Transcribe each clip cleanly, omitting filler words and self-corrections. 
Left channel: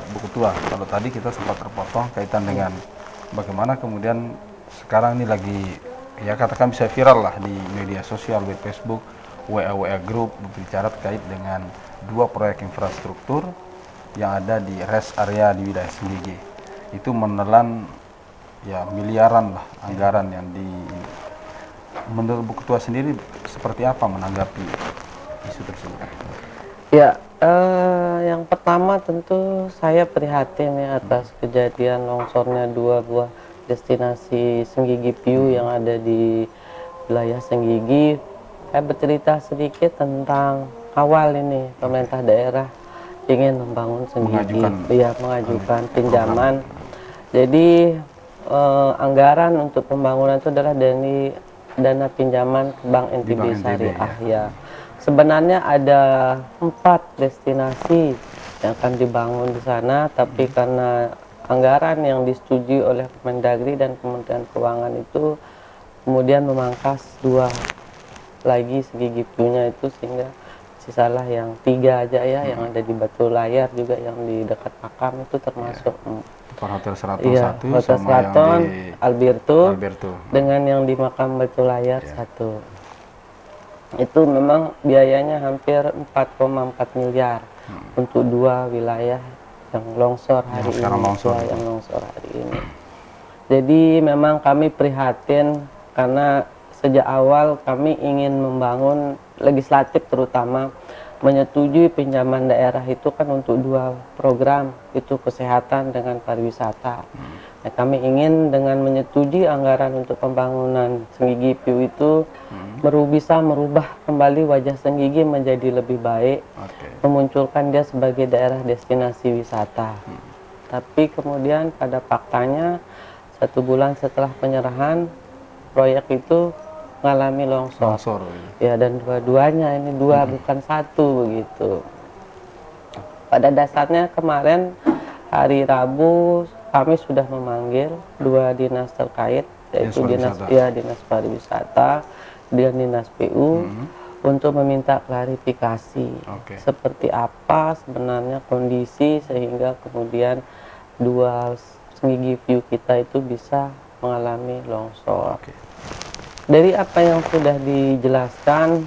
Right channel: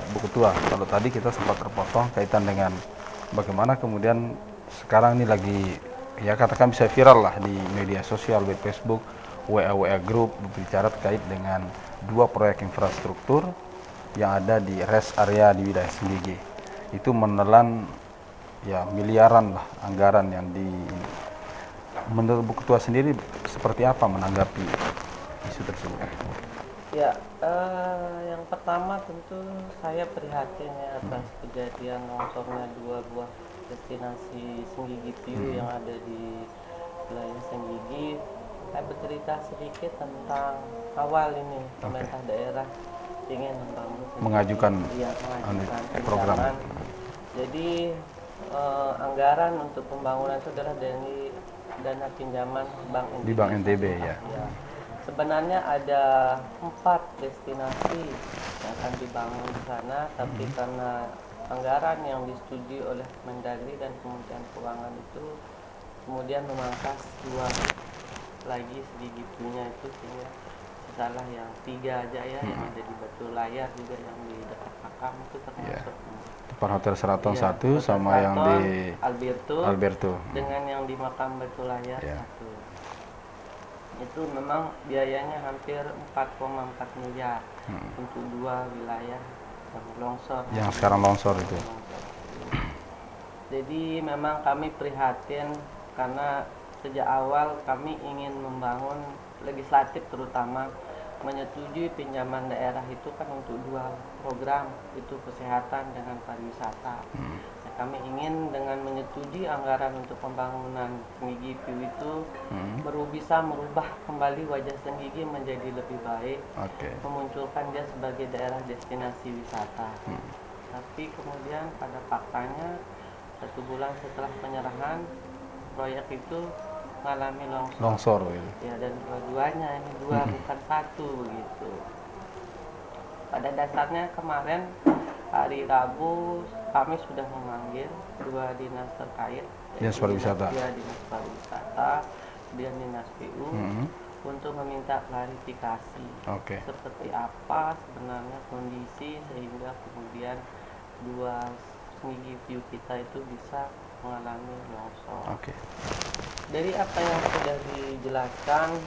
Bu Ketua, kalau tadi kita sempat terpotong kaitan dengan bagaimana kemudian sekarang ini lagi ya katakan bisa viral lah di media sosial, di Facebook, WA Group berbicara terkait dengan dua proyek infrastruktur yang ada di rest area di wilayah Senggigi. Itu menelan ya miliaran lah anggaran yang di. Menurut Bu Ketua sendiri seperti apa menanggapi isu tersebut? Ya, yang pertama tentu saya prihatin ya atas kejadian longsornya dua buah destinasi Senggigi Piu yang ada di wilayah Senggigi. Saya bercerita sedikit tentang awal ini pemerintah daerah ingin membangun Senggigi, mengajukan pinjaman. Jadi anggaran untuk pembangunan itu adalah dari dana pinjaman Bank NTB Syariah. Ya. Sebenarnya ada 4 destinasi yang akan dibangun di sana, tapi karena anggaran yang disetujui oleh Kemendagri dan Kementerian Keuangan itu kemudian memangkas 2 lagi Senggigi Piu-nya itu, sehingga sisalah yang 3 aja ya, yang ada di Batu Layar juga yang di dekat makam itu termasuk depan Hotel Seraton 1 sama yang di Alberto. Dengan yang di makam Batu Layar 1. Itu memang biayanya hampir 4,4 miliar untuk 2 wilayah yang longsor yang sekarang longsor itu. Hari ini. Jadi memang kami prihatin karena sejak awal kami ingin membangun, legislatif terutama menyetujui pinjaman daerah itu kan untuk 2 program, itu kesehatan dengan pariwisata. Nah, kami ingin dengan menyetujui anggaran untuk pembangunan Senggigi Piu itu bisa merubah kembali wajah Senggigi menjadi lebih baik, memunculkan dia sebagai daerah destinasi wisata. Tapi kemudian pada faktanya 1 bulan setelah penyerahan proyek itu mengalami longsor. Ya, dan dua-duanya ini 2 bukan 1 begitu. Pada dasarnya kemarin hari Rabu kami sudah memanggil 2 dinas terkait, yaitu dinas pariwisata dan dinas PU untuk meminta klarifikasi seperti apa sebenarnya kondisi sehingga kemudian 2 Senggigi Piu kita itu bisa mengalami longsor. Dari apa yang sudah dijelaskan,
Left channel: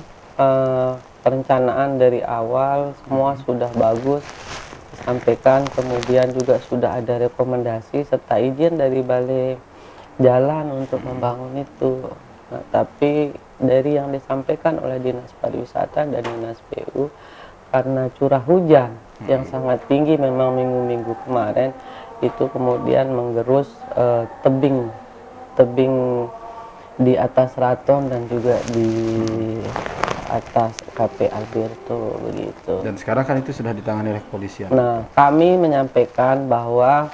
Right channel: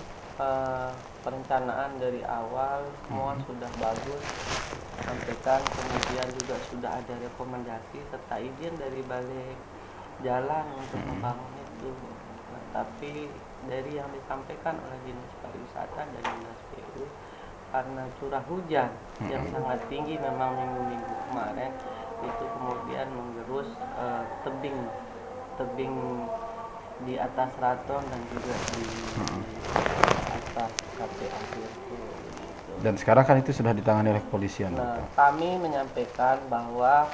perencanaan dari awal semua sudah bagus, sampaikan, kemudian juga sudah ada rekomendasi serta izin dari Balai Jalan untuk membangun itu. Nah, tapi dari yang disampaikan oleh Dinas Pariwisata dan Dinas PU, karena curah hujan yang sangat tinggi memang minggu-minggu kemarin, itu kemudian menggerus tebing di atas Raton dan juga di atas KP Alberto begitu. Dan sekarang kan itu sudah ditangani oleh kepolisian. Nah, kami menyampaikan bahwa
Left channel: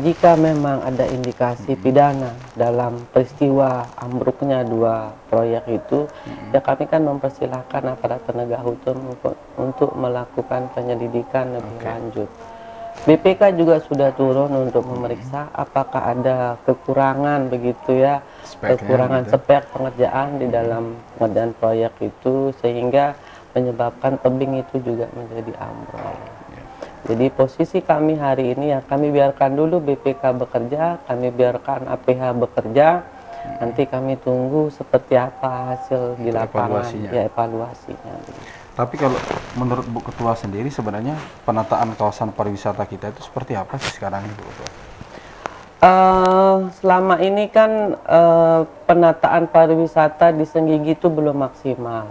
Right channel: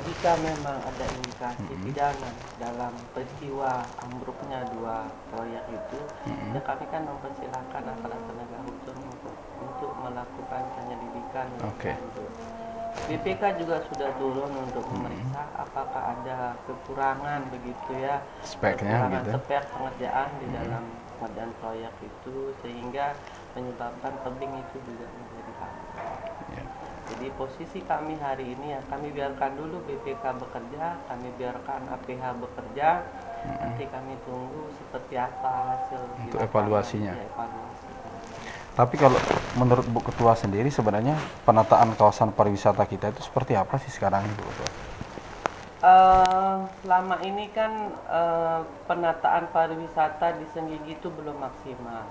jika memang ada indikasi pidana dalam peristiwa ambruknya 2 proyek itu, ya kami kan mempersilahkan aparat penegak hukum untuk melakukan penyelidikan lebih lanjut. BPK juga sudah turun untuk memeriksa apakah ada kekurangan begitu ya, kekurangan spek pengerjaan di dalam pengerjaan proyek itu sehingga menyebabkan tebing itu juga menjadi ambruk. Jadi posisi kami hari ini ya kami biarkan dulu BPK bekerja, kami biarkan APH bekerja, nanti kami tunggu seperti apa hasil di lapangan, evaluasinya. Tapi kalau menurut Bu Ketua sendiri sebenarnya penataan kawasan pariwisata kita itu seperti apa sih sekarang Bu Ketua? Selama ini kan penataan pariwisata di Senggigi itu belum maksimal.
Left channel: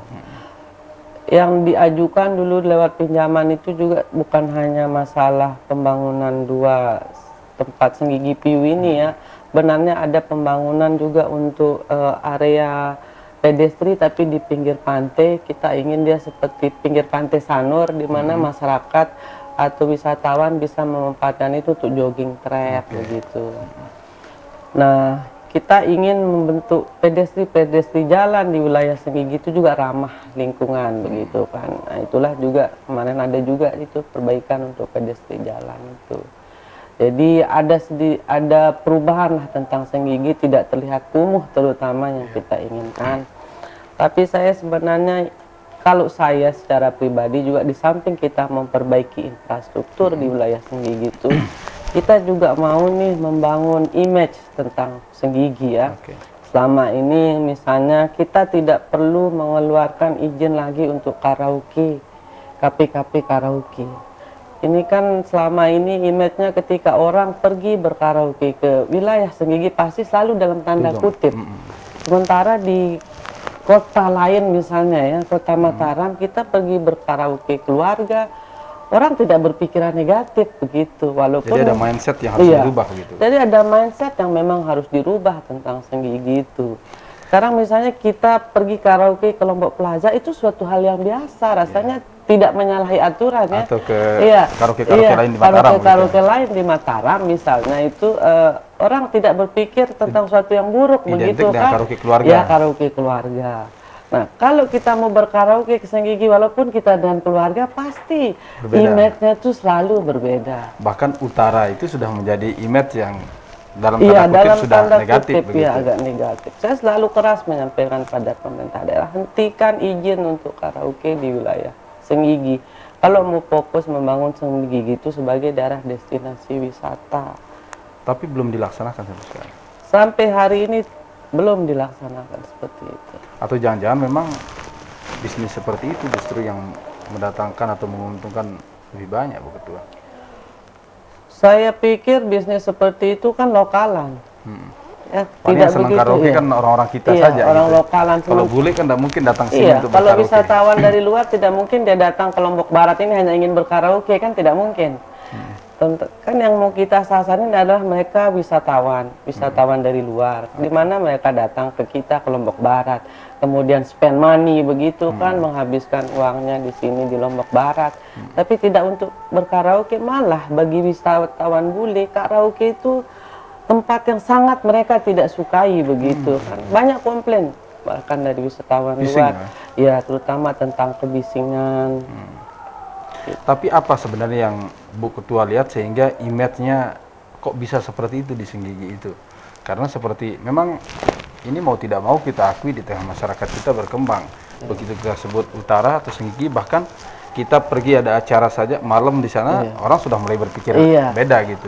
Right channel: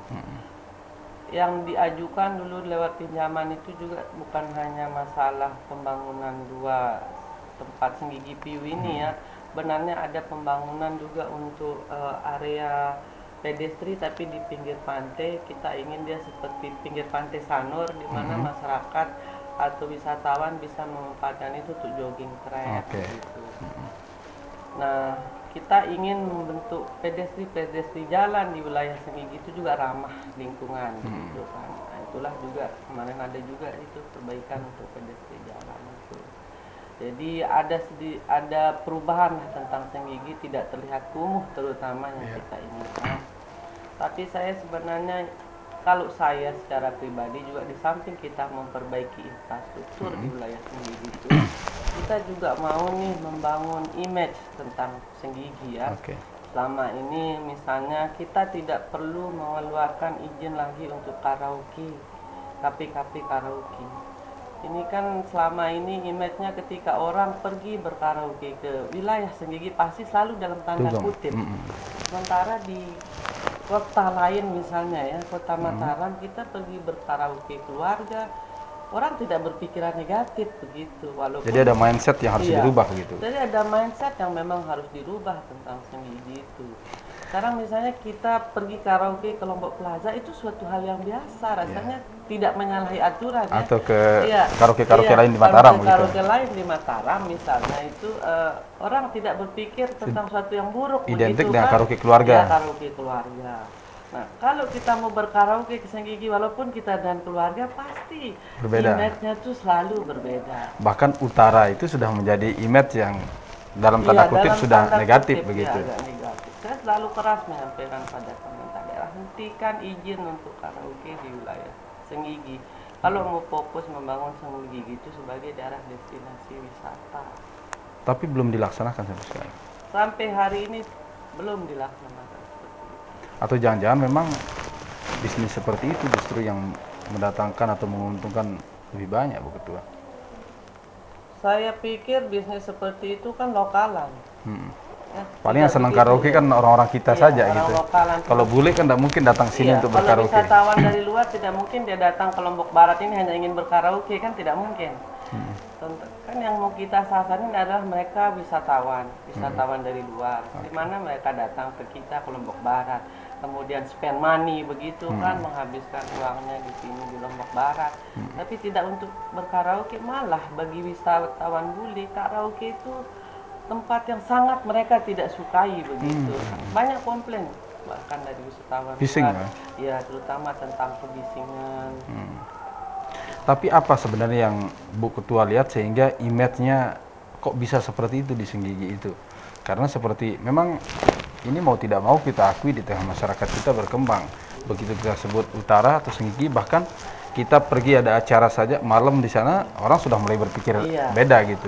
Yang diajukan dulu lewat pinjaman itu juga bukan hanya masalah pembangunan 2 tempat Senggigi Piu ini ya. Benarnya ada pembangunan juga untuk area pedestri tapi di pinggir pantai. Kita ingin dia seperti pinggir pantai Sanur di mana masyarakat atau wisatawan bisa memanfaatkan itu untuk jogging track begitu. Nah, kita ingin membentuk pedestri jalan di wilayah Senggigi itu juga ramah lingkungan begitu kan. Nah, itulah juga kemarin ada juga itu perbaikan untuk pedestri jalan itu. Jadi ada perubahan lah tentang Senggigi, tidak terlihat kumuh terutama yang kita inginkan. Tapi saya sebenarnya kalau saya secara pribadi juga di samping kita memperbaiki infrastruktur di wilayah Senggigi itu, kita juga mau nih membangun image tentang Senggigi ya. Oke. Selama ini misalnya kita tidak perlu mengeluarkan izin lagi untuk karaoke, kafe-kafe karaoke. Ini kan selama ini image-nya ketika orang pergi berkaraoke ke wilayah Senggigi pasti selalu dalam tanda kutip. Sementara di kota lain misalnya ya, kota Mataram, kita pergi berkaraoke keluarga, orang tidak berpikiran negatif begitu. Walaupun Jadi ada mindset yang harus dirubah gitu. Jadi ada mindset yang memang harus dirubah tentang Senggigi itu. Sekarang misalnya kita pergi karaoke ke Lombok Plaza itu suatu hal yang biasa, rasanya tidak menyalahi aturan ya. Atau ke karaoke-karaoke lain di Mataram. Karaoke lain di Mataram misalnya itu orang tidak berpikir tentang suatu yang buruk identik begitu dengan kan. karaoke keluarga. Ya, karaoke keluarga. Nah, kalau kita mau berkaraoke ke Senggigi walaupun kita dengan keluarga pasti image-nya itu selalu berbeda. Bahkan utara itu sudah menjadi image yang dalam tanda kutip sudah negatif begitu. Ya, agak negatif. Saya selalu keras menyampaikan pada pemerintah daerah, hentikan izin untuk karaoke di wilayah Senggigi. Kalau mau fokus membangun Senggigi itu sebagai daerah destinasi wisata. Tapi belum dilaksanakan sampai sekarang. Sampai hari ini belum dilaksanakan seperti itu. Atau jangan-jangan memang bisnis seperti itu justru yang mendatangkan atau menguntungkan lebih banyak, Bu Ketua? Saya pikir bisnis seperti itu kan lokalan. Ya, paling yang senang karaoke kan orang-orang kita saja orang gitu. Lokalan. Kalau bule kan tidak mungkin datang sini untuk kalau berkaraoke. Kalau wisatawan dari luar tidak mungkin dia datang ke Lombok Barat ini hanya ingin berkaraoke, kan tidak mungkin. Kan yang mau kita sasarin adalah mereka wisatawan dari luar. Di mana mereka datang ke kita ke Lombok Barat, kemudian spend money begitu kan, menghabiskan uangnya di sini di Lombok Barat. Tapi tidak untuk berkaraoke, malah bagi wisatawan bule karaoke itu tempat yang sangat mereka tidak sukai begitu. Banyak komplain bahkan dari wisatawan luar, ya terutama tentang kebisingan. Tapi apa sebenarnya yang Bu Ketua lihat sehingga image-nya kok bisa seperti itu di Senggigi itu? Karena seperti memang ini mau tidak mau kita akui di tengah masyarakat kita berkembang. Begitu kita sebut utara atau Senggigi, bahkan kita pergi ada acara saja malam di sana orang sudah mulai berpikir beda gitu.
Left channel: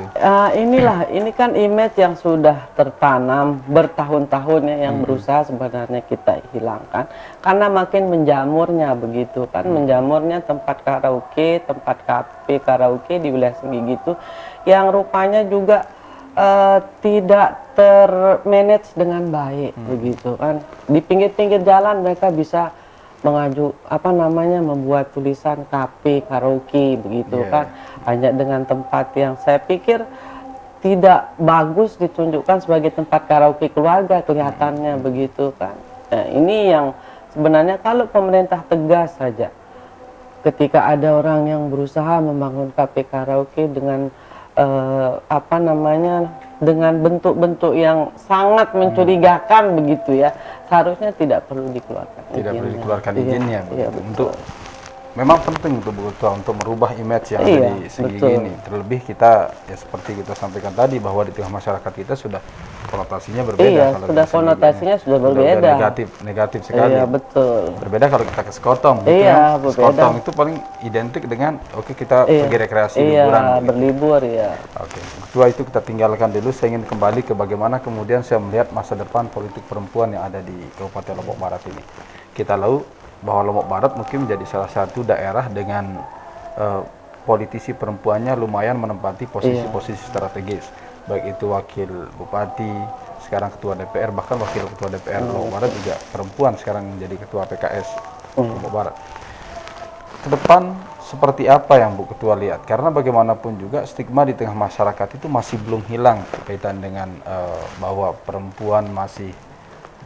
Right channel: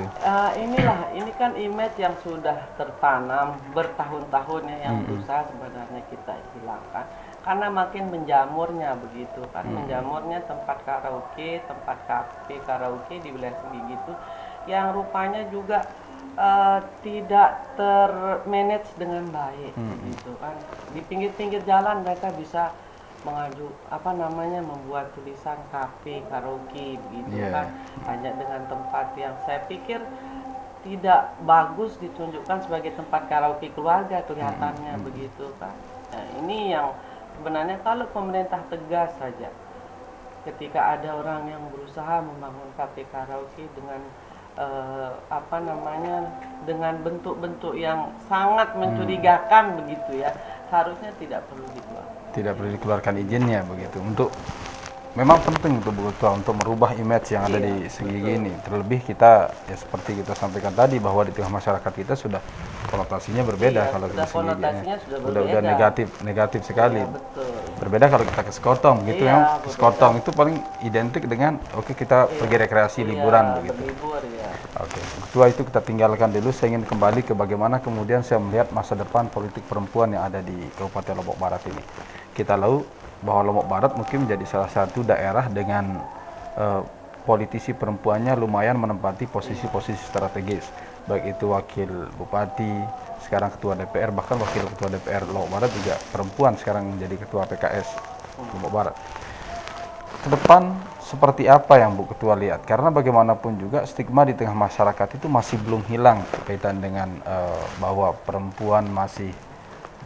Ini kan image yang sudah tertanam bertahun-tahun ya, yang berusaha sebenarnya kita hilangkan karena makin menjamurnya begitu kan, menjamurnya tempat karaoke, tempat kafe karaoke di wilayah Senggigi itu yang rupanya juga tidak termanage dengan baik begitu kan. Di pinggir-pinggir jalan mereka bisa membuat tulisan kafe karaoke begitu kan, hanya dengan tempat yang saya pikir tidak bagus ditunjukkan sebagai tempat karaoke keluarga kelihatannya begitu kan. Nah, ini yang sebenarnya kalau pemerintah tegas saja ketika ada orang yang berusaha membangun kafe karaoke dengan dengan bentuk-bentuk yang sangat mencurigakan begitu ya, seharusnya tidak perlu dikeluarkan. Tidak perlu dikeluarkan izinnya begitu. Untuk memang penting untuk Bu Ketua untuk merubah image yang ada di Senggigi ini. Terlebih kita ya seperti kita sampaikan tadi bahwa di tengah masyarakat kita sudah konotasinya berbeda. Kalau sudah konotasinya sudah berbeda. Negatif sekali. Iya, betul. Berbeda kalau kita ke Sekotong gitu ya. Sekotong itu paling identik dengan kita pergi rekreasi liburan begitu. Berlibur ya. Oke, Ketua itu kita tinggalkan dulu. Saya ingin kembali ke bagaimana kemudian saya melihat masa depan politik perempuan yang ada di Kabupaten Lombok Barat ini. Kita tahu bahwa Lombok Barat mungkin menjadi salah satu daerah dengan politisi perempuannya lumayan menempati posisi-posisi strategis, baik itu wakil bupati, sekarang ketua DPR, bahkan wakil ketua DPR Lombok Barat juga perempuan sekarang menjadi ketua PKS Lombok Barat. Ke depan seperti apa yang Bu Ketua lihat? Karena bagaimanapun juga stigma di tengah masyarakat itu masih belum hilang kaitan dengan bahwa perempuan masih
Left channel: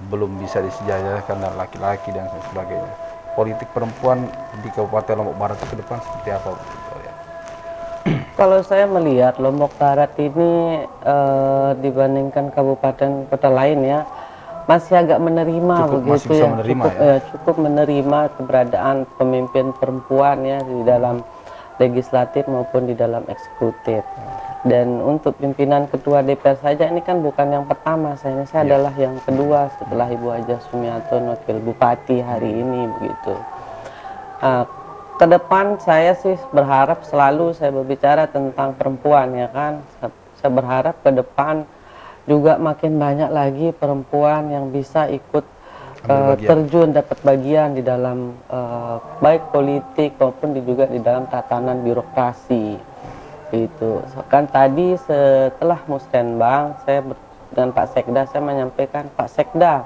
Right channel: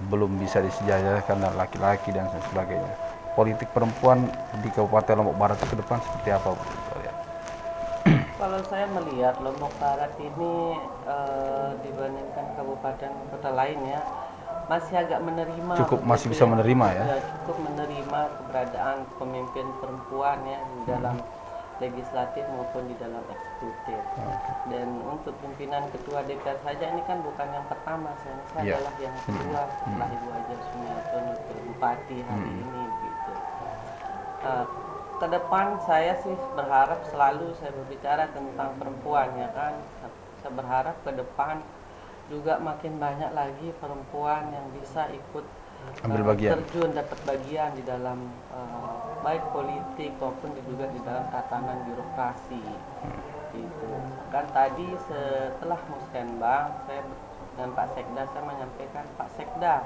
belum bisa disejajarkan dengan laki-laki dan sebagainya. Politik perempuan di Kabupaten Lombok Barat itu ke depan seperti apa, Bu? Kalau saya melihat Lombok Barat ini dibandingkan kabupaten kota lain ya, masih agak menerima, masih bisa menerima cukup menerima keberadaan pemimpin perempuan ya di dalam legislatif maupun di dalam eksekutif. Dan untuk pimpinan ketua DPR saja ini kan bukan yang pertama, saya adalah yang kedua setelah Ibu Haja Sumiaton wakil bupati hari ini begitu. Nah, ke depan saya sih berharap selalu saya berbicara tentang perempuan ya kan. Saya berharap ke depan juga makin banyak lagi perempuan yang bisa ikut Ambil bagian. terjun dapat bagian di dalam baik politik maupun juga di dalam tatanan birokrasi itu. Kan tadi setelah musrenbang saya dengan Pak Sekda saya menyampaikan, Pak Sekda,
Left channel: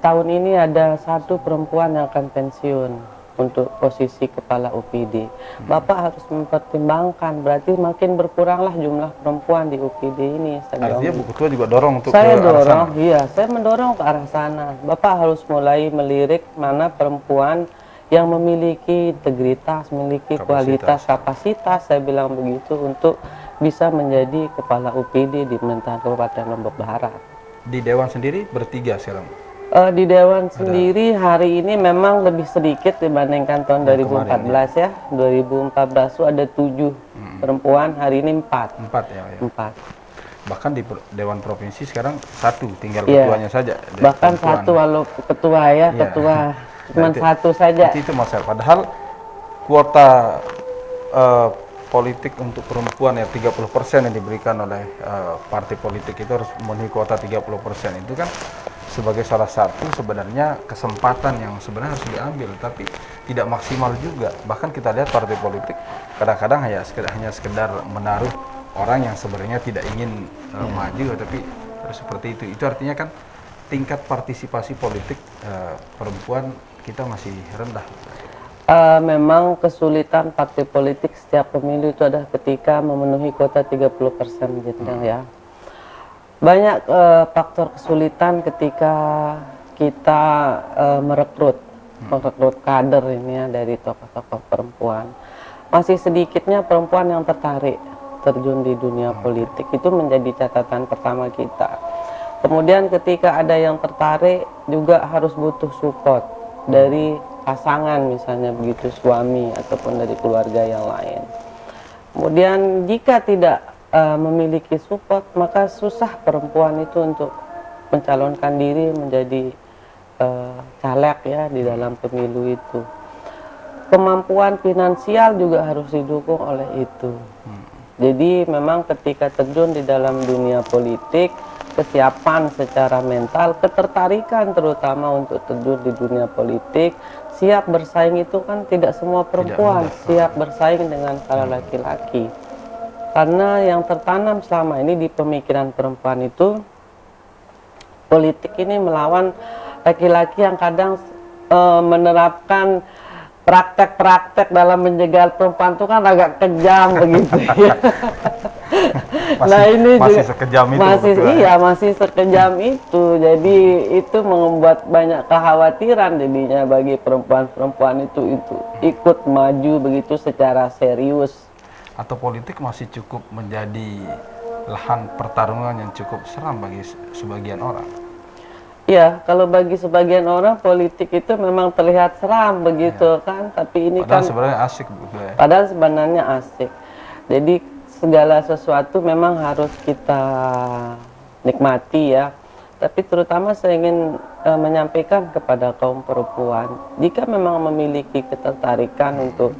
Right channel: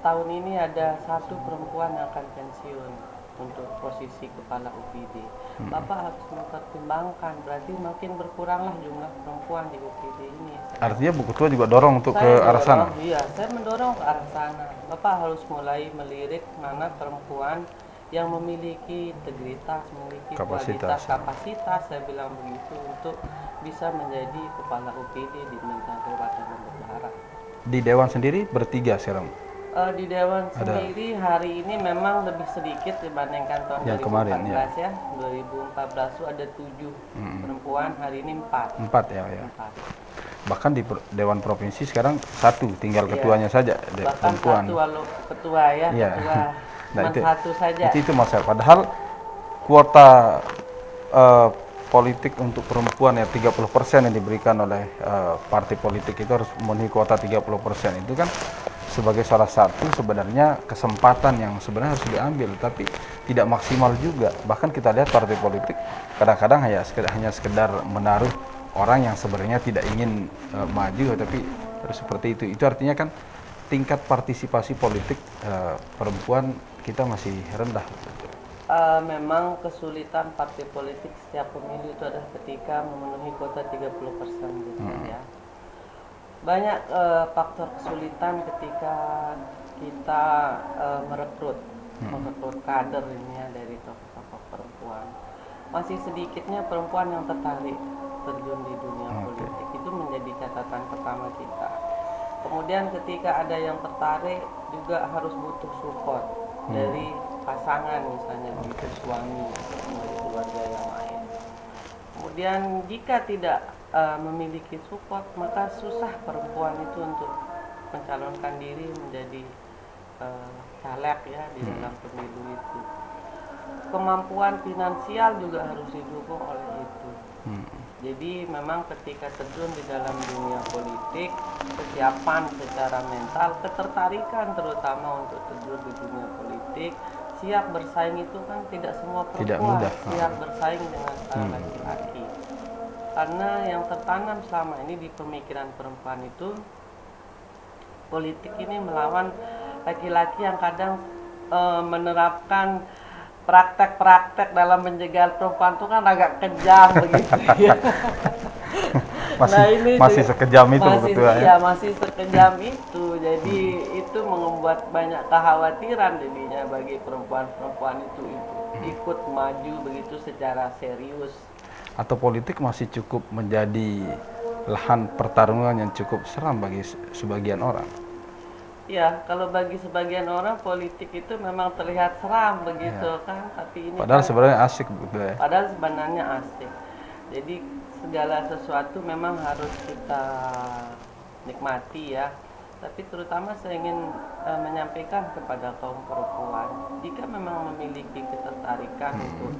tahun ini ada satu perempuan yang akan pensiun untuk posisi kepala UPD. Bapak harus mempertimbangkan, berarti makin berkuranglah jumlah perempuan di UPD ini. Artinya Bu Ketua juga dorong untuk Saya ke arah sana? dorong, iya, saya mendorong ke arah sana. Bapak harus mulai melirik mana perempuan yang memiliki integritas, memiliki kualitas, kapasitas, saya bilang begitu, untuk bisa menjadi kepala UPD di pemerintahan Kabupaten Lombok Barat. Di Dewan sendiri bertiga sekarang? Di Dewan sendiri hari ini memang lebih sedikit dibandingkan tahun 2014 ya. 2014 itu ada 7 perempuan, hari ini 4. 4 ya? 4. Bahkan di Dewan Provinsi sekarang 1, tinggal ketuanya saja. Bahkan perempuan. 1 walau ketua ya, ketua cuma nah, 1 saja. Itu masalah. Padahal kuota politik untuk perempuan ya 30% yang diberikan oleh partai politik itu harus memenuhi kuota 30%. Itu kan sebagai salah satu sebenarnya kesempatan yang sebenarnya harus diambil, tapi tidak maksimal juga. Bahkan kita lihat partai politik kadang-kadang hanya sekedar menaruh orang yang sebenarnya tidak ingin maju, tapi harus seperti itu. Itu artinya kan tingkat partisipasi politik perempuan kita masih rendah. Memang kesulitan partai politik setiap pemilu itu adalah ketika memenuhi kuota 30% gitu ya. Banyak faktor kesulitan ketika kita merekrut kader ini ya dari tokoh-tokoh perempuan. Masih sedikitnya perempuan yang tertarik terjun di dunia politik, itu menjadi catatan pertama kita. Kemudian ketika ada yang tertarik juga harus butuh support dari pasangan, misalnya begitu, suami ataupun dari keluarga yang lain. Kemudian jika tidak memiliki support, maka susah perempuan itu untuk mencalonkan diri menjadi caleg ya di dalam pemilu itu. Kemampuan finansial juga harus didukung oleh itu. Jadi memang ketika terjun di dalam dunia politik, kesiapan secara mental, ketertarikan terutama untuk terjun di dunia politik, siap bersaing itu kan tidak semua perempuan siap bersaing dengan para laki-laki. Karena yang tertanam selama ini di pemikiran perempuan itu, politik ini melawan laki-laki yang kadang menerapkan praktek-praktek dalam menjegal perempuan itu kan agak kejam begitu ya. masih sekejam itu masih sekejam itu. Jadi itu membuat banyak kekhawatiran jadinya bagi perempuan-perempuan itu ikut maju begitu secara serius. Atau politik masih cukup menjadi lahan pertarungan yang cukup seram bagi sebagian orang. Iya, kalau bagi sebagian orang politik itu memang terlihat seram begitu kan, tapi ini padahal kan sebenarnya asik begitu ya. Padahal sebenarnya asik. Jadi segala sesuatu memang harus kita nikmati ya. Tapi terutama saya ingin menyampaikan kepada kaum perempuan, jika memang memiliki ketertarikan untuk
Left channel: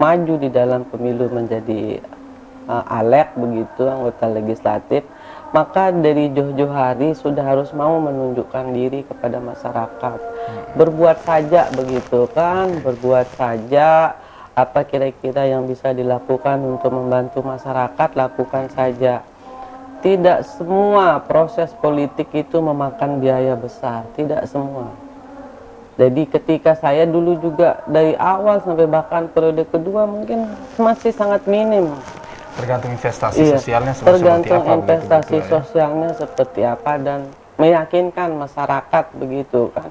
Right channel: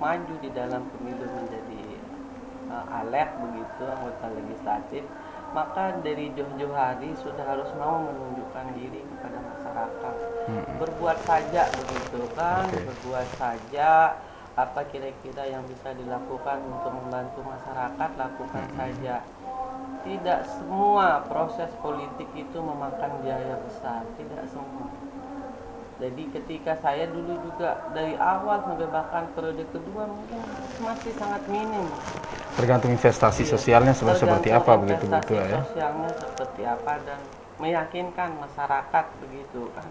maju di dalam pemilu menjadi alek begitu, anggota legislatif, maka dari jauh-jauh hari sudah harus mau menunjukkan diri kepada masyarakat. Berbuat saja begitu kan, berbuat saja. Apa kira-kira yang bisa dilakukan untuk membantu masyarakat, lakukan saja. Tidak semua proses politik itu memakan biaya besar, tidak semua. Jadi ketika saya dulu juga dari awal sampai bahkan periode kedua mungkin masih sangat minim. Tergantung investasi sosialnya seperti apa begitu. Investasi sosialnya seperti apa dan meyakinkan masyarakat begitu kan,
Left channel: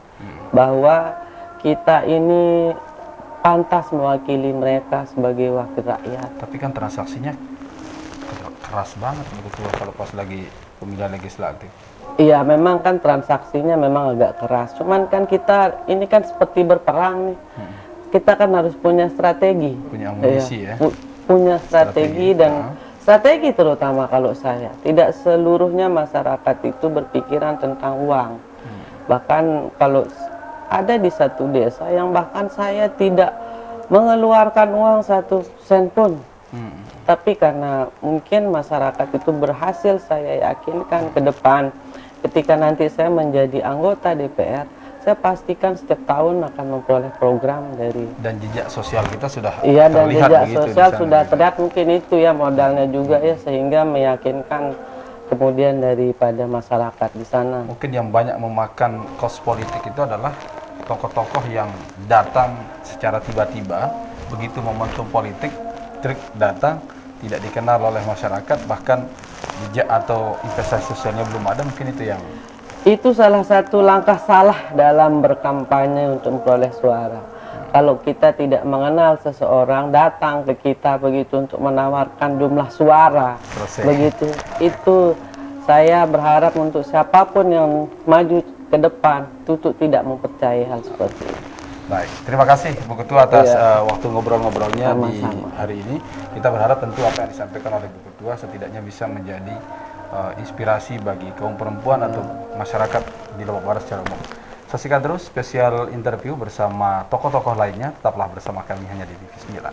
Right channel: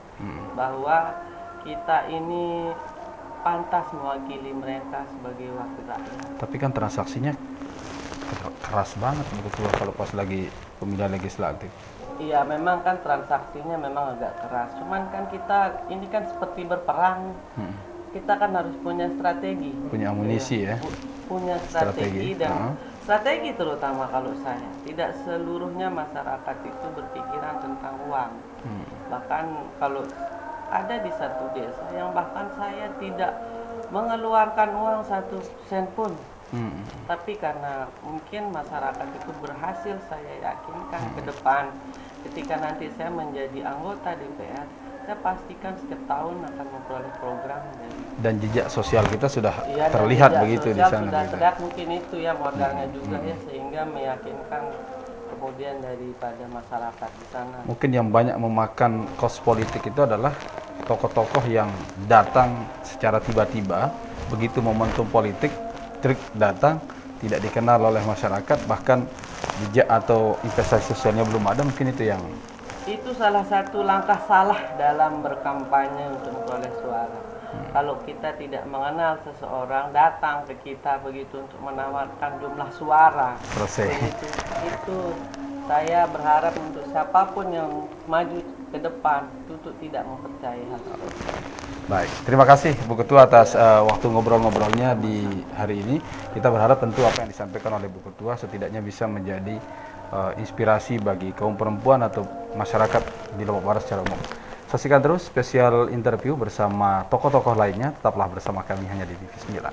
bahwa kita ini pantas mewakili mereka sebagai wakil rakyat. Tapi kan transaksinya keras banget begitu kalau pas lagi pemilihan legislatif. Iya, memang kan transaksinya memang agak keras. Cuman kan kita ini kan seperti berperang. Kita kan harus punya strategi. Punya amunisi ya. Punya strategi dan strategi terutama kalau saya. Tidak seluruhnya masyarakat itu berpikiran tentang uang. Bahkan kalau ada di satu desa yang bahkan saya tidak mengeluarkan uang 1 sen pun. Tapi karena mungkin masyarakat itu berhasil saya yakinkan ke depan, ketika nanti saya menjadi anggota DPR, saya pastikan setiap tahun akan memperoleh program dari. Dan jejak sosial kita sudah Iya, dan terlihat jejak begitu di sosial sana. sudah gitu. terlihat, mungkin itu ya modalnya juga ya, sehingga meyakinkan kemudian daripada masyarakat di sana. Mungkin yang banyak memakan kos politik itu adalah tokoh-tokoh yang datang secara tiba-tiba, begitu momentum politik, trik datang, tidak dikenal oleh masyarakat, bahkan jejak atau investasi sosialnya belum ada, mungkin itu yang Itu salah satu langkah salah dalam berkampanye untuk memperoleh suara. Kalau kita tidak mengenal seseorang datang ke kita begitu untuk menawarkan jumlah suara, Selesai. begitu, itu saya berharap untuk siapapun yang maju ke depan, tutup tidak mempercayai hal seperti itu. Baik, terima kasih Bu Ketua atas Iya. waktu ngobrol-ngobrolnya di Sama-sama. hari ini. Kita berharap tentu apa yang disampaikan oleh Bu Ketua setidaknya bisa menjadi inspirasi bagi kaum perempuan atau masyarakat di Lombok Barat secara umum. Saksikan terus spesial interview bersama tokoh-tokoh lainnya. Tetaplah bersama kami hanya di TV 9.